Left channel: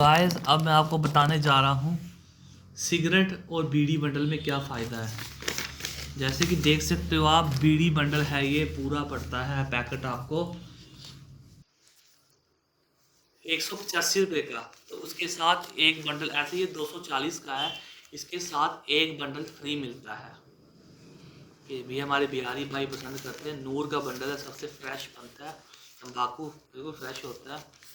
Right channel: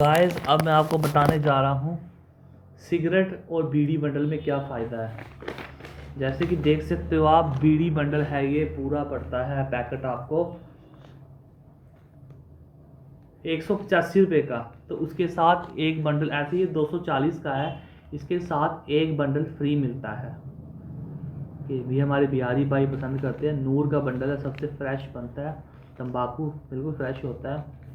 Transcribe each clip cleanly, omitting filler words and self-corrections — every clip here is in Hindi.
गाइस अब मैं आपको बताने जा रहा हूँ सिगरेट और बीड़ी बंडल में क्या फ़ायदा है। जैसे कि देख सकते हो आप, बीड़ी बंडल है, ये पूरा पड़ता है पैकेट आपको 185 रुपये का। तो उसके साथ एक बंडल, ऐसे ये 240 का है, इसके साथ एक बंडल फ्री मिलता है। ये भी हमारे बिहारी भाई पसंद करते हैं। नूर का बंडल है, सबसे फ्रेश बनता है, तंबाकू बिल्कुल फ्रेश होता है।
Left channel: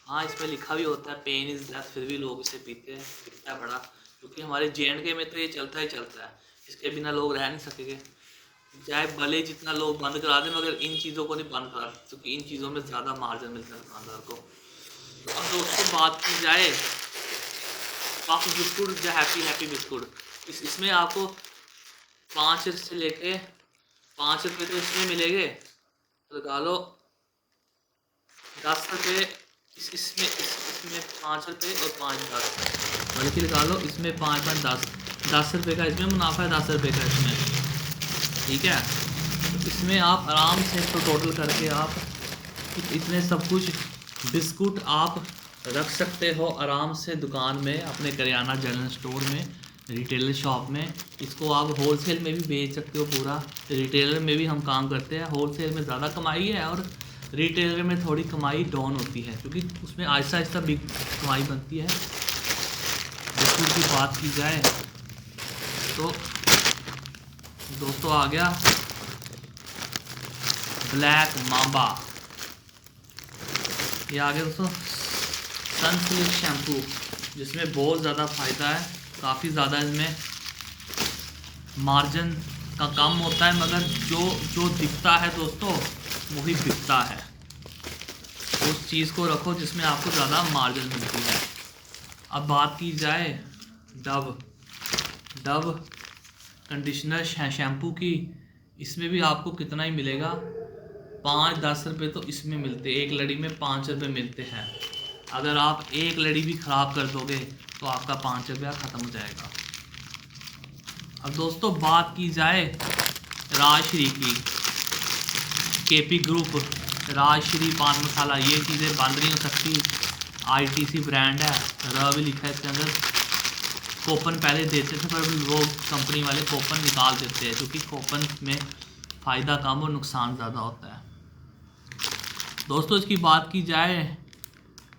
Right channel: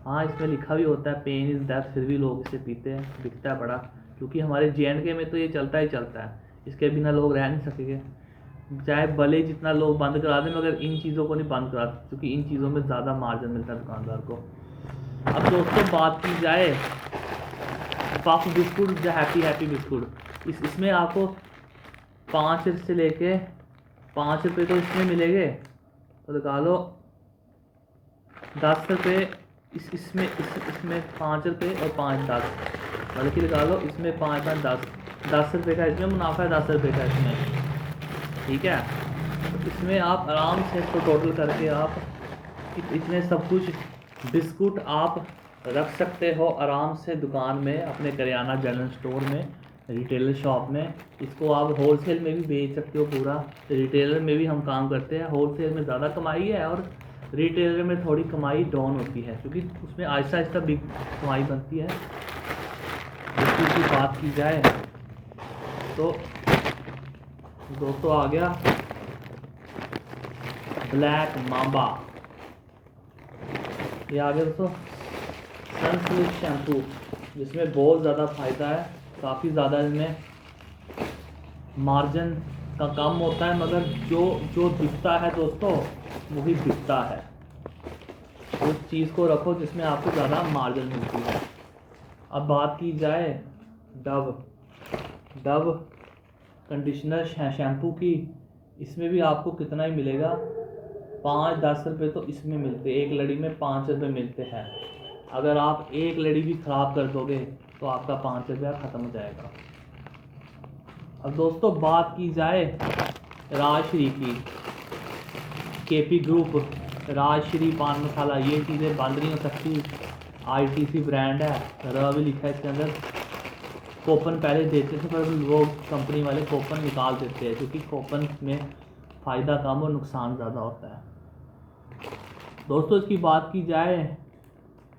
हाँ, इसमें लिखा भी होता है पेन इज़ डेथ, फिर भी लोग इसे पीते हैं, दिखता है बड़ा, क्योंकि हमारे JNK में तो ये चलता ही चलता है, इसके बिना लोग रह नहीं सकेंगे। चाहे भले जितना लोग बंद करा दें, मगर इन चीज़ों को नहीं बंद करा, क्योंकि इन चीज़ों में ज़्यादा मार्जिन मिलता है दुकानदार को। अब दोस्तों बात की जाए पफ बिस्कुट या हैप्पी बिस्कुट, इसमें आपको 5 से लेके 5 रुपये तो इसमें मिलेंगे, तो लगा लो 10 रुपये इसमें 5 रुपये और 5 10, बल्कि लगा लो इसमें 5 5 10 रुपये का इसमें मुनाफा है, 10 रुपये का इसमें, ठीक है। तो इसमें आप आराम से इसको टोटल करके आप इतने सब कुछ बिस्कुट आप रख सकते हो आराम से दुकान में, अपने करियाना जनरल स्टोर में, रिटेलर शॉप में। इसको आप होलसेल में भी बेच सकते हो पूरा। रिटेलर में भी हम काम करते हैं, होलसेल में ज़्यादा कमाई है और रिटेलर में थोड़ी कमाई डाउन होती है, क्योंकि उसमें आहिस्ता आहिस्ता बिग कमाई बनती है। बिस्कुट की बात की जाए तो दोस्तों आ गया ब्लैक मांबा, ये आ गया दोस्तों सनसिल्क शैम्पू, जिसमें बहुत ज़्यादा फ़ायदा है, काफ़ी ज़्यादा इसमें मार्जिन का कम होता है, मगर जो दिखता है दोस्तों वही बिकता है। उस चीज़ को रखो जिसमें आपको ज़्यादा मार्जिन मिलती है। अब बात की जाए डव कंडीशनर शैम्पू की, इसमें भी आपको कितना ही मिलेगा, 5-10 रुपये तो इसमें मिलते, एक लड़ी में 5 रुपये मिलते हैं। अगर आप एक लड़ी भी ख़राब कर दोगे तो आपका 5 रुपया ख़त्म हो जाएगा। अब दोस्तों बात की जाए राजश्री की, KP ग्रुप, राजश्री पान मसाला, ये चीज़ें बंद नहीं हो सकती, ITC ब्रांड है, र भी लिखा है इसके अंदर। कूपन पहले देते थे पर वो कंपनी वाले कूपन निकाल देते हैं, क्योंकि कूपन में फ़ायदा कम और नुकसान ज़्यादा होता है। दोस्तों इसकी बात की जाए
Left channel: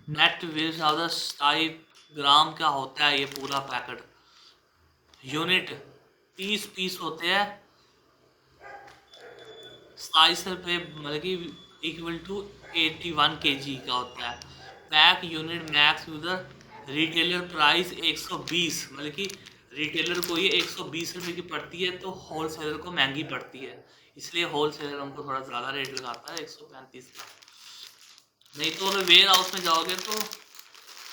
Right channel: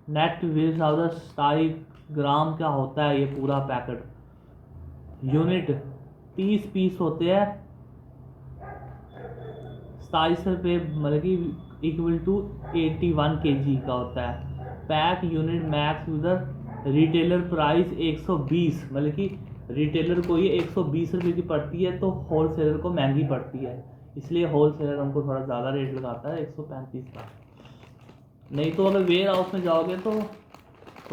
नेट वेज 27 ग्राम का होता है ये पूरा पैकेट, यूनिट 30 पीस होते हैं, 27 रुपये, मतलब कि इक्वल टू 81 kg का होता है। Pack unit max user retailer price 120, मतलब कि रिटेलर को ये 120 रुपये की पड़ती है, तो होलसेलर को महंगी पड़ती है, इसलिए होलसेलर हमको थोड़ा ज़्यादा रेट लगाता है 135 का। नहीं तो अगर वेयर हाउस में जाओगे तो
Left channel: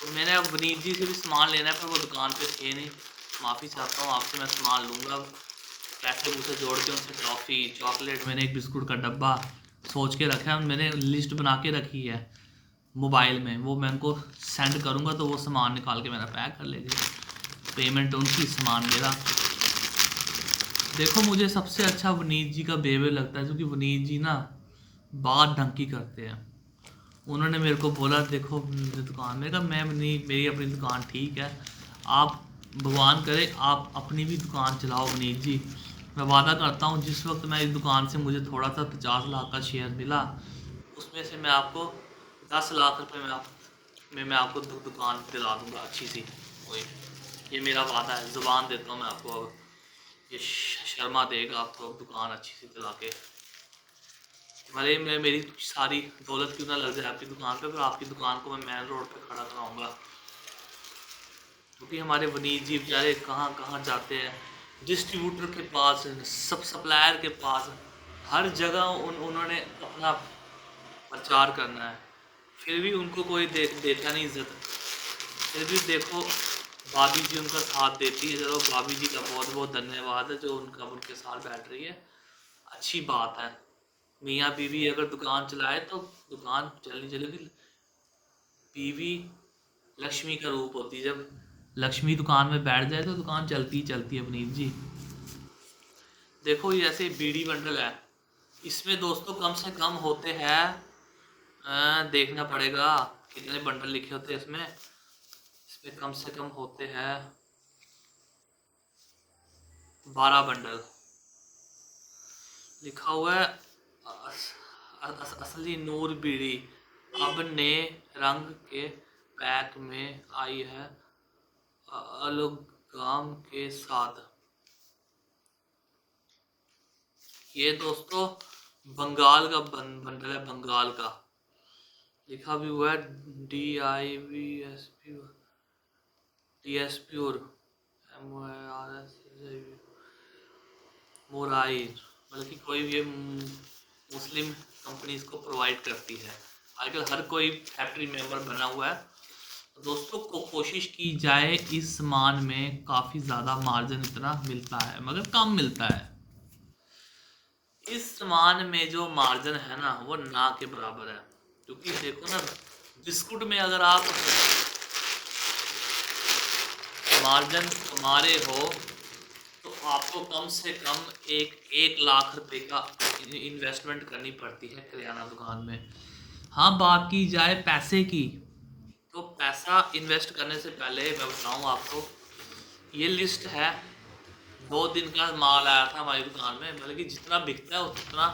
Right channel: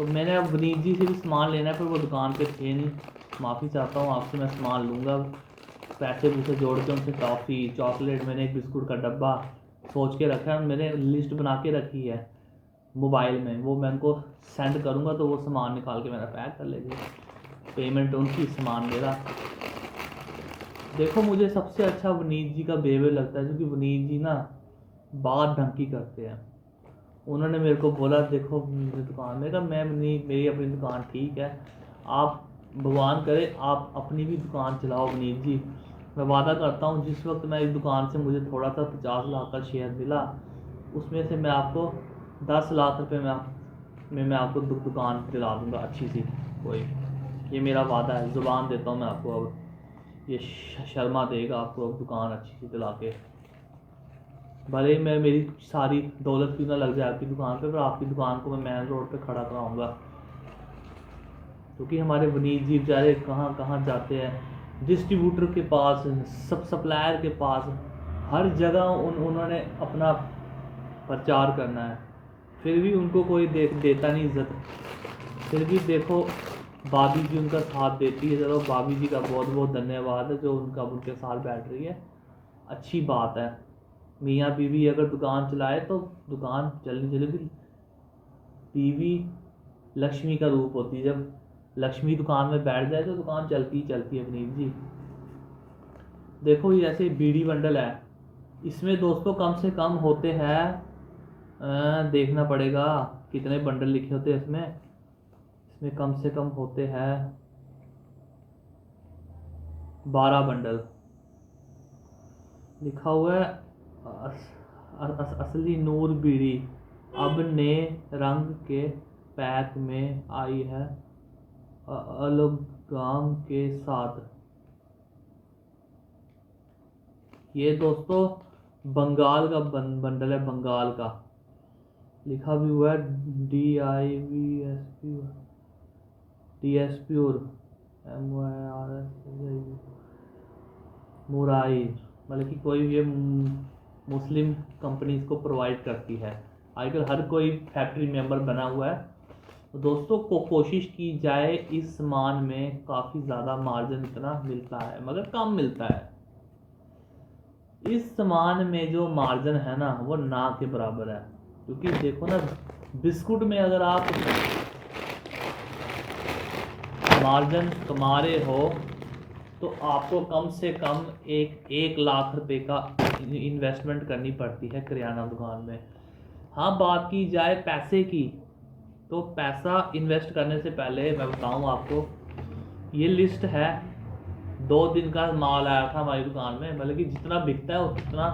मैंने अब वनीत जी से भी सामान लेना है, पर वो दुकान पे थे नहीं, माफ़ी चाहता हूँ आपसे, मैं सामान लूँगा, पैसे पूसे जोड़ के उनसे टॉफ़ी चॉकलेट, मैंने एक बिस्कुट का डब्बा सोच के रखा है, मैंने लिस्ट बना के रखी है मोबाइल में, वो मैं उनको सेंड करूँगा तो वो सामान निकाल के मेरा पैक कर लेंगे, पेमेंट उनकी, सामान मेरा। देखो मुझे सबसे अच्छा वनीत जी का बिहेवियर लगता है, क्योंकि वनीत जी ना बात ढंग की करते हैं। उन्होंने मेरे को बोला देखो दुकान में, कहा मैं नहीं, मेरी अपनी दुकान ठीक है, आप भगवान करे आप अपनी भी दुकान चलाओ वनीत जी। मैं वादा करता हूँ जिस वक्त मैं इस दुकान से मुझे थोड़ा सा 50 लाख का शेयर मिला, उसमें से मैं आपको 10 लाख रुपए में मैं आपको दुकान दिला दूँगा अच्छी सी कोई, ये मेरा वादा है, ज़ुबान देता हूँ मैं आपको। अब ये शर्मा देगा आपको अब दुकान अच्छी सी दिला के, भले मैं मेरी सारी दौलत क्यों ना लग जाए आपकी दुकान पे, पर आपकी दुकान को मैं मेन रोड पे खड़ा कराऊंगा, क्योंकि हमारे वनीत जी बेचारे कहाँ कहाँ जाते हैं, डिस्ट्रीब्यूटर के पास, सब सप्लायर के पास, हर जगह उन्होंने अपना प्रचार करना है, फिर भी उनको कोई देता नहीं इज़्ज़त। फिर भी देखो भाभी जी उनका साथ देती है, चलो भाभी जी का बहुत बहुत धन्यवाद है जो उनके साथ बैठ रही है, अच्छी बात है। मियाँ बीवी अगर दुकान चलाए तो दुकान चलनी चलेगी। बीवी लक्ष्मी का रूप होती है, जब लक्ष्मी दुकान में बैठ जाए तो दुकान चलती है अपनी जी। देखो ये ऐसे बीड़ी बंडल है, इसमें दोस्तों कम से कम होते हैं, देखना पड़ेगा कितने बंडल लिखे होते हैं इसमें, इसमें कम से कम होते हैं 12 बंडल। लिखा हुआ है असली नूर बीड़ी अब नए रंग के पैक में आई है एलोगाम के साथ। ये दोस्तों बंगाल का बंडल है, बंगाल का। लिखा भी हुआ है DSP और MYRS मुराई, मतलब कि कोई भी मुस्लिम कंपनी इसको प्रोवाइड करती है। आजकल हर कोई फैक्ट्री मेंबर बना हुआ है। तो दोस्तों को कोशिश की जाए, इस सामान में काफ़ी ज़्यादा मार्जिन इतना मिलता है मगर कम मिलता है। इस सामान में जो मार्जिन है ना वो ना के बराबर है। क्योंकि देखो ना, बिस्कुट में अगर आप मार्जिन कमा रहे हो तो आपको कम से कम 1 लाख रुपए का इन्वेस्टमेंट करनी पड़ती है किराना दुकान में। हाँ, बात की जाए पैसे की, तो पैसा इन्वेस्ट करने से पहले मैं बताऊँ आपको, ये लिस्ट है 2 दिन का माल आया था हमारी दुकान में। मतलब कि जितना बिकता है उतना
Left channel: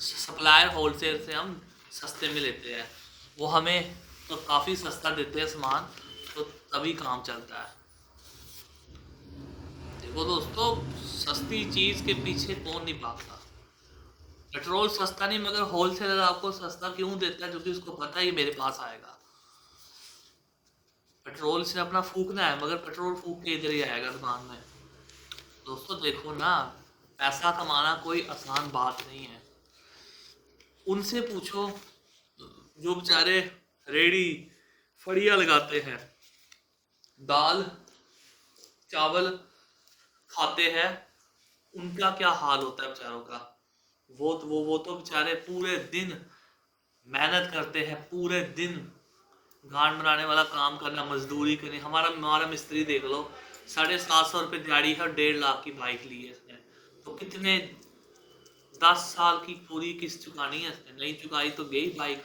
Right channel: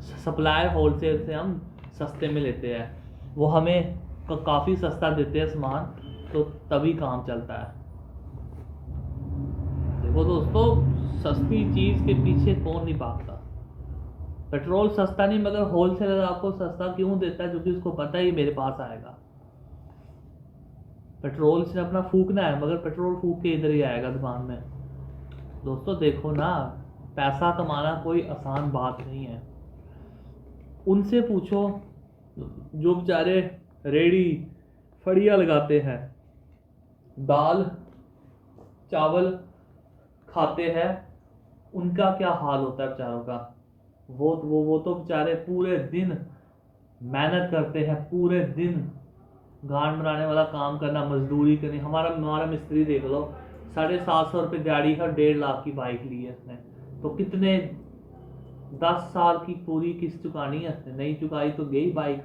सप्लायर होलसेल से हम सस्ते में लेते हैं, वो हमें काफ़ी सस्ता देते हैं सामान, तो तभी काम चलता है। देखो दोस्तों, सस्ती चीज़ के पीछे कौन नहीं भागता। पेट्रोल सस्ता नहीं मगर होलसेलर आपको सस्ता क्यों देता है? क्योंकि उसको पता है ये मेरे पास आएगा। पेट्रोल से अपना फूकना है मगर पेट्रोल फूक के इधर ही आएगा दुकान में। दोस्तों देखो ना, पैसा कमाना कोई आसान बात नहीं है। उनसे पूछो जो बेचारे रेडी फड़िया लगाते हैं, दाल चावल खाते हैं, उनका क्या हाल होता है बेचारों का। वो तो बेचारे पूरे दिन मेहनत करते हैं, पूरे दिन गांड बनाने वाला काम करना, मजदूरी करनी। हमारा मिस्त्री देख लो, 750 रुपये दिहाड़ी है, 1.5 लाख की बाइक ली है इसने। तो कितने 10 साल की पूरी किस्त चुकानी है इसने, नहीं चुकाई तो गई बाइक।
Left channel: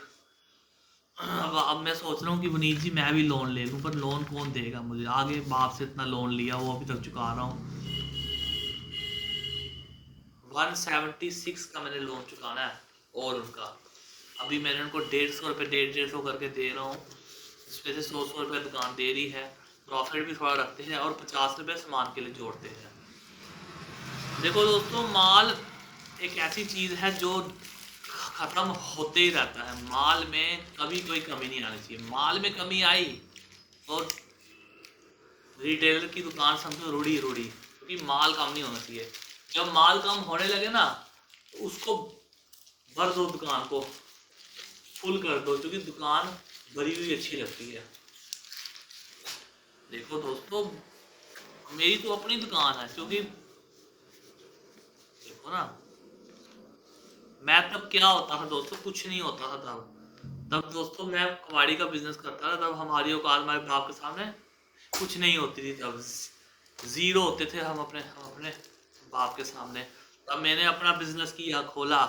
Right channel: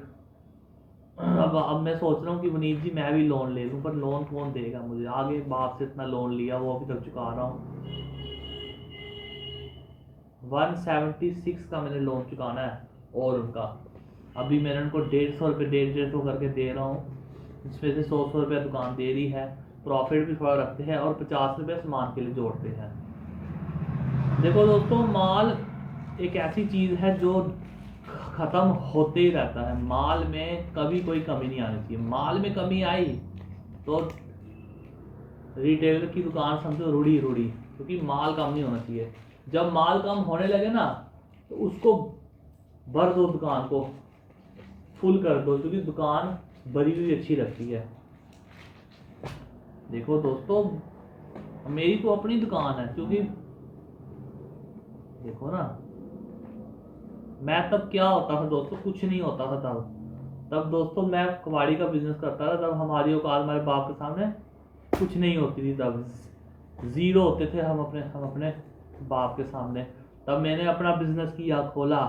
अब मैं सोच रहा हूँ कि वनीत जी मैं भी लोन ले लूँ, पर लोन कौन देगा मुझे? आगे बाप से इतना लोन लिया, वो अभी तक चुका रहा हूँ। 176 का मैंने लोन चुकाना है, और उनका अभी मैंने उनको 150 रुपये 150 करके दे रहा हूँ, जिसमें से 100 रुपये दुकान दे रही है, प्रॉफिट भी थोड़ा रखते हैं और 50 रुपये सामान के लिए जोड़ते हैं। देखो दोस्तों, माल एक ऐसी चीज़ है जो ख़त्म होते ही रहता है। माल में कभी कोई कमी नहीं आनी चाहिए। माल में कमी आई तो रिटेलर की दुकान समझो रुड़ी, क्योंकि माल कम नहीं होना चाहिए। जब माल कम होने लगे ना तो उसको भर दो, दुकान को फुल कर दो, क्योंकि दुकान भरी हुई अच्छी लगती है। देखो दोस्तों, मेरी तो अपनी दुकान है, क्योंकि देखो ना, मैं तब क्या होता था दोस्तों, कुछ नहीं होता था तब दोस्तों मैं कबाड़ी का बिजनेस करता था। तब हमारी औकात हमारे बाप के सामने कुछ नहीं होती थी, तब ज़ीरो होते थे हम अपने बाप के सामने। तब मैंने अपना बिजनेस किया, खोला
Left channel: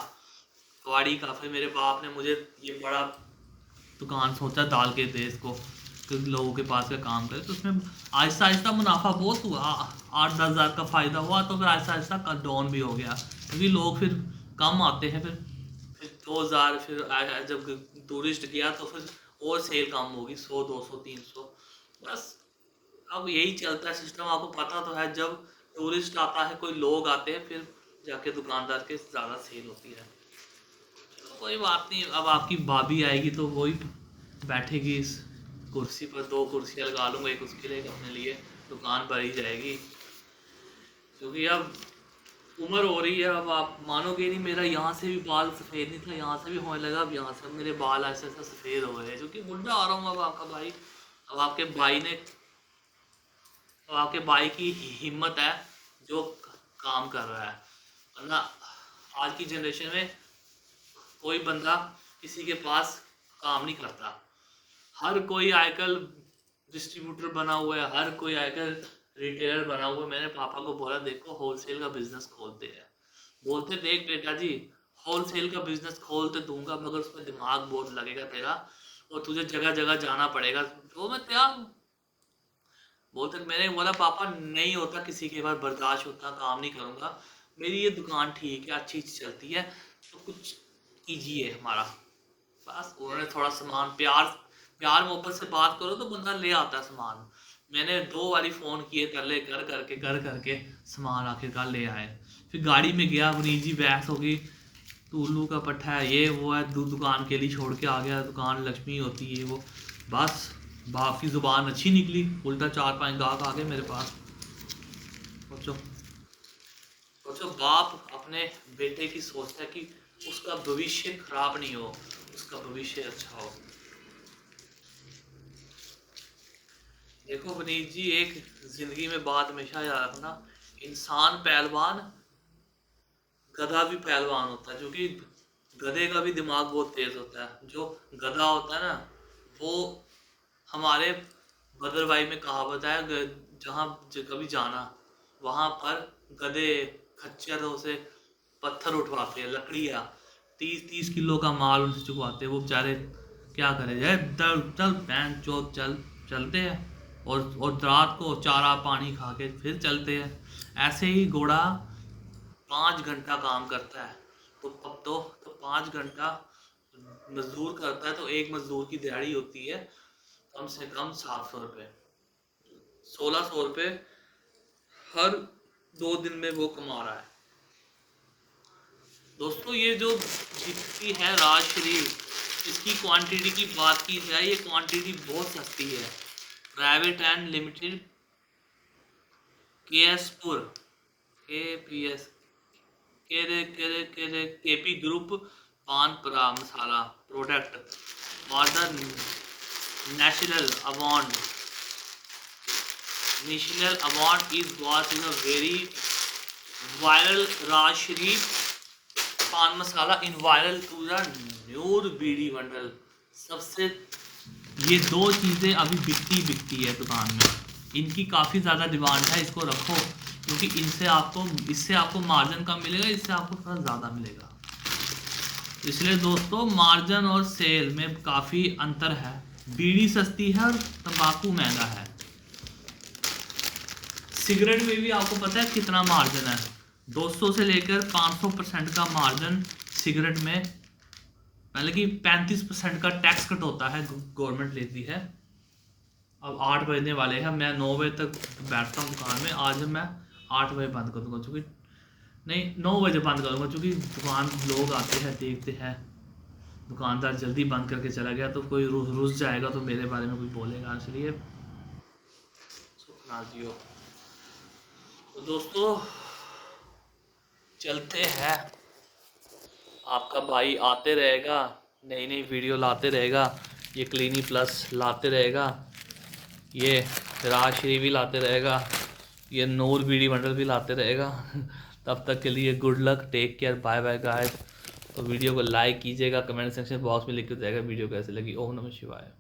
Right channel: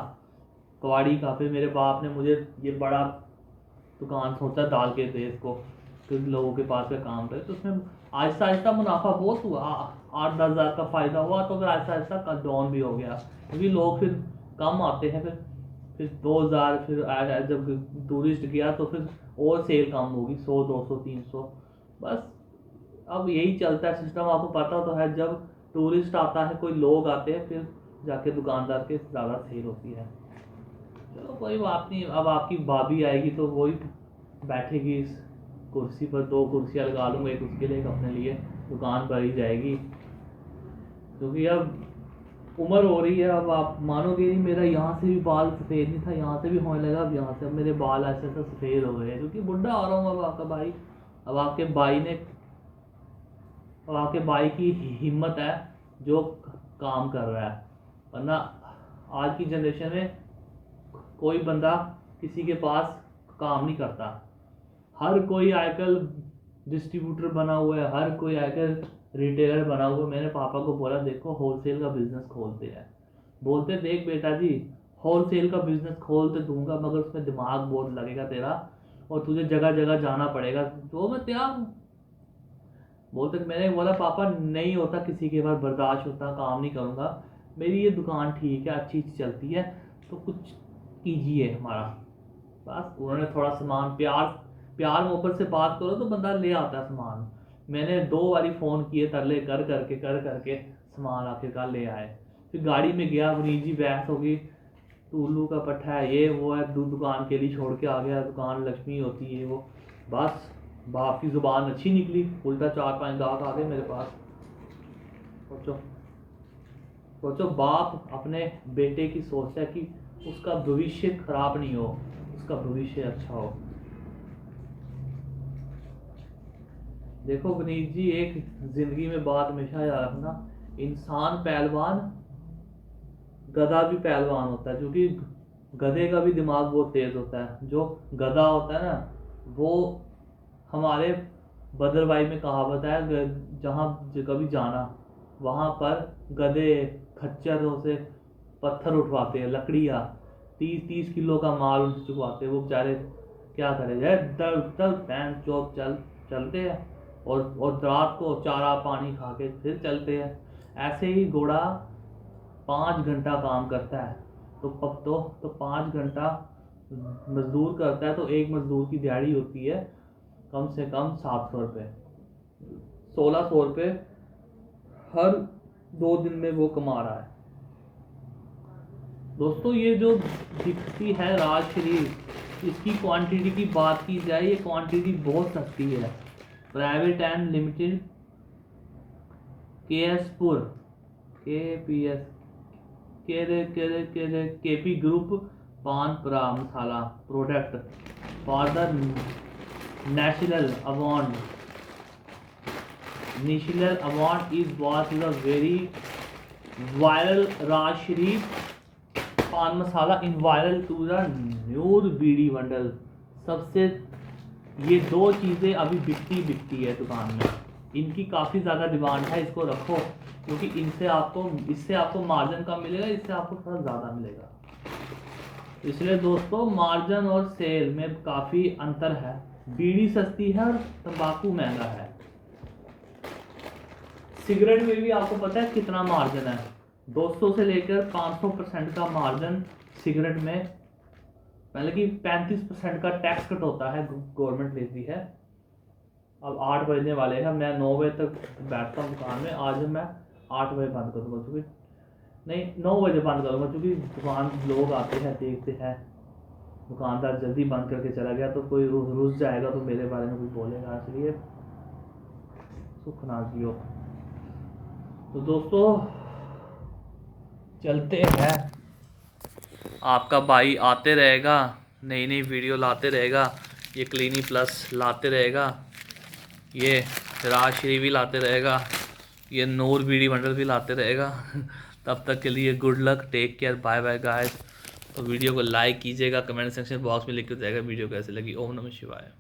कबाड़ी का। फिर मेरे बाप ने मुझे ये बड़ा दुकान सोचा डाल के दे इसको, कि लोगों के पास का काम करे। तो उसमें आहिस्ता आहिस्ता मुनाफा बहुत हुआ, 8-10 हज़ार का फ़ायदा हुआ। तो फिर आहिस्ता आहिस्ता डाउन भी हो गया, क्योंकि लोग फिर कम आते हैं। फिर 2000, फिर जब टूरिस्ट गया तो फिर और सेल कम होगी, 100 200 300 बस। अब यही चलता है सिस्टम, आपको पता तो है। जब टूरिस्ट आता है, कोई लोग आते हैं, फिर जाके दुकानदार के ज़्यादा सेल होती है। चलो कोई बात नहीं, अब आपकी भाभी आएगी तो वही बैठेगी इस कुर्सी पर। 2 कुर्सियाँ लगा लूँगा, एक उसके लिए एक अपने लिए, दुकान भरी जाएगी। क्योंकि अब उम्र हो रही है। अब आप मानोगे नहीं, मेरा यहाँ से भी बाल सफ़ेद नहीं था, यहाँ से भी होने लगा, अब यहाँ से अब मेरे बाल ऐसे ऐसे सफ़ेद हो गए हैं, क्योंकि बुढ़ा आ रहा हूँ। अब आपका भाई, अब आपके भाई की हिम्मत है जो काम कर रहा है। वरना आज की जनरेशन में कोई बंदा किसी के पास काम नहीं करता। हर कोई आजकल डिस्ट्रीब्यूटर बना हुआ है, हर कोई आजकल रिटेलर बना हुआ है। मैंने पापा को बोला, देखो होलसेल का बिजनेस खोलते हैं। बोलते, देख बेटा जी, होलसेल का बिजनेस खोल तो दूंगा, मगर उसमें दिमाग बहुत लगेगा तेरा, और तुझे जगह जगह जाना पड़ेगा। तो मैं तैयार बोलते, मैंने बोला पापा नहीं होता किसी के पास बर्दाश्त होता, काम नहीं करूँगा, मेरी ये दुकान ठीक है, अच्छी चलती है, तो कुछ कीजिए हमारा। बस उन्होंने थोड़ा सामान प्यार मोहब्बत से बात करो तो बंदा ले आता सामान। मैंने 2 बारी फ़ोन किए, तरले कर करके सामान आखिरकार ले आए। फिर गाड़ी में गया, मुनीर जी बहस हो गई, तू उल्लू का पट्टा है, ये वो है, दुकान के लिए छोड़ के आ गया, दुकान लक्ष्मी होती है वो। बस बाप की ज़ुबान अच्छी निकली, उल्टा 4-5 गाहक आ गए मेरे पास। सोचो बाप अपने बेटे की सोचता है कि उसका भविष्य खराब नहीं हो, उसका भविष्य अच्छा हो। देखो वनीत जी, एक जिंदगी में बात हमेशा याद रखना, इंसान पहलवान, गधा भी पहलवान होता है, क्योंकि गधे का भी दिमाग बहुत तेज होता है। जो गधा होता है ना, वो हमारे भद्रवाही में कहावत है, जहाँ कभी जाना वहाँ पर गधे खच्चरों से पत्थर उठवाते हैं, लकड़ियाँ 30-30 किलो का माल उनसे चुकवाते हैं। वो बेचारे क्या करे, चल पैंट चौक चलते हैं, और रात को चारा पानी खा के फिर चलते हैं। ऐसे ही घोड़ा 5 घंटा काम करता है, तो 5 घंटा मजदूर करता है, तो एक मजदूर की दिहाड़ी होती है कम से कम 700 रुपये, 1600 रुपये हर 2 दिन में वो कमा रहा है। दोस्तों ये जो बिकती है राज शरीफ, इसकी क्वांटिटी की बात की जाए, ये क्वांटिटी बहुत सस्ती है। प्राइवेट एंड लिमिटेड केएसपुर केपीएस केपी ग्रुप पान परा masala product for the national award is what is a very viral Raj Sharif paan masala in viral to the न्यूर बीड़ी बंडल। सबसे ये 2 चीज़ें अभी बिकती है दुकान में, इनकी काफ़ी ज़्यादा डिमांड है, इसको रखो, क्योंकि इससे आपको मार्जिन कम मिलेगा, इससे आपको थोड़ा ज़्यादा मिलेगा। इसलिए दोस्तों मार्जिन और सेल में काफ़ी अंतर है, बीड़ी सस्ती है और तंबाकू महंगा है। सिगरेट में भी आपको पता है कितना मार्जिन है, 200 से लेकर 500% का मार्जिन सिगरेट में, पहले कि 35% का टैक्स कट होता है, गवर्नमेंट लेती है। अब 8 बजने वाले हैं, मैं 9 बजे तक बैठता हूँ दुकान में, आज मैं 8 बजे बंद कर दूँगा, चूँकि नहीं 9 बजे बंद करूँगा, चूँकि दुकान लोग आते हैं देखते हैं, दुकानदार जल्दी बंद करके चला गया तो कोई रुस जाएगा तो मेरे बारे में कोई बोलेगा, इसलिए सुखनाथ जी हो। तो दोस्तों चलते हैं, आपका भाई आते रहेगा, नई नई वीडियो लाते रहेगा, ये क्लीनी प्लस लाते रहेगा, ये राज श्री भी लाते रहेगा, ये नूर बीड़ी बंडल भी लाते रहेगा। तब तक के लिए good luck, take care, bye bye guys. तो वीडियो को लाइक कीजिएगा, कमेंट सेक्शन बॉक्स में लिख के जाएगा वीडियो कैसे लगी। ओम नमः शिवाय।